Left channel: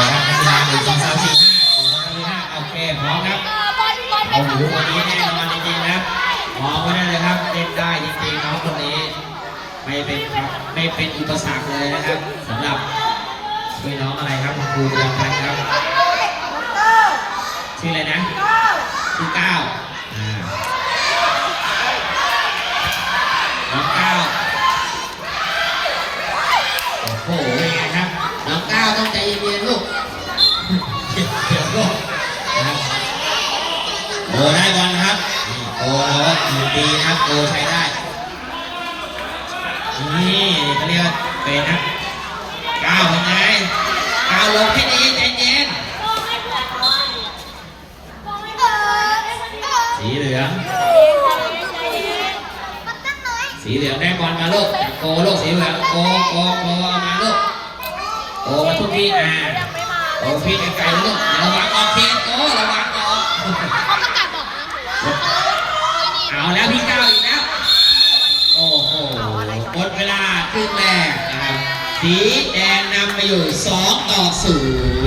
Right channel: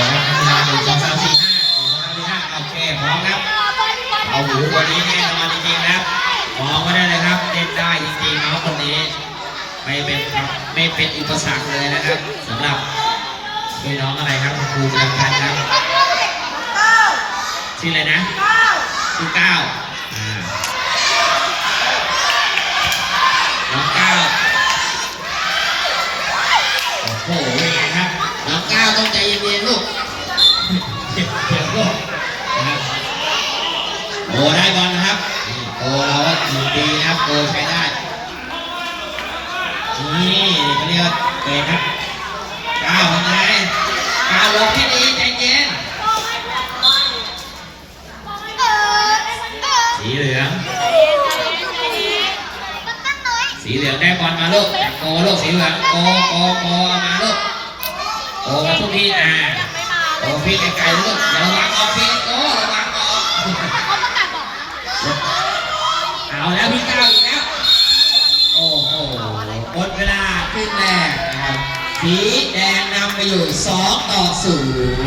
1 2 3 4 5โอเคพร้อมครับเอาหูคนนี้แน่นอนจริงๆนะมองไม่ได้เลยครับเล่นได้จริงๆน้องคนนี้ไม่เป็นอุปสรรคเลยนะครับสำหรับช่วยน้องอะไรครับครูประจำชั้นครับชื่ออะไรนะชื่อก้าวน้องก้าวโอ้โหเป็นไงครับน้องก้าวต้องใจเย็นๆลูกเดี๋ยวลูกนะครับโอ้ได้บอลนะครับโอ้เราก็ดีครับโอ้ใช้ได้นี่เขาเรียกว่าเป็นครับก้าวยังไงก้าวลงที่ดีใจเย็นสีเหลืองได้บอลมาลูกจากโกลูกสีเหลืองโกมาลูกโกมาทุกที่โกพี่ไกลๆลูกระวังออกพี่โกระวังออกเอาแล้วพี่ก้าวอีกแล้วโอ้โหหมดเวลาขึ้นแรกนะครับสีแดงนำไปอยู่2-0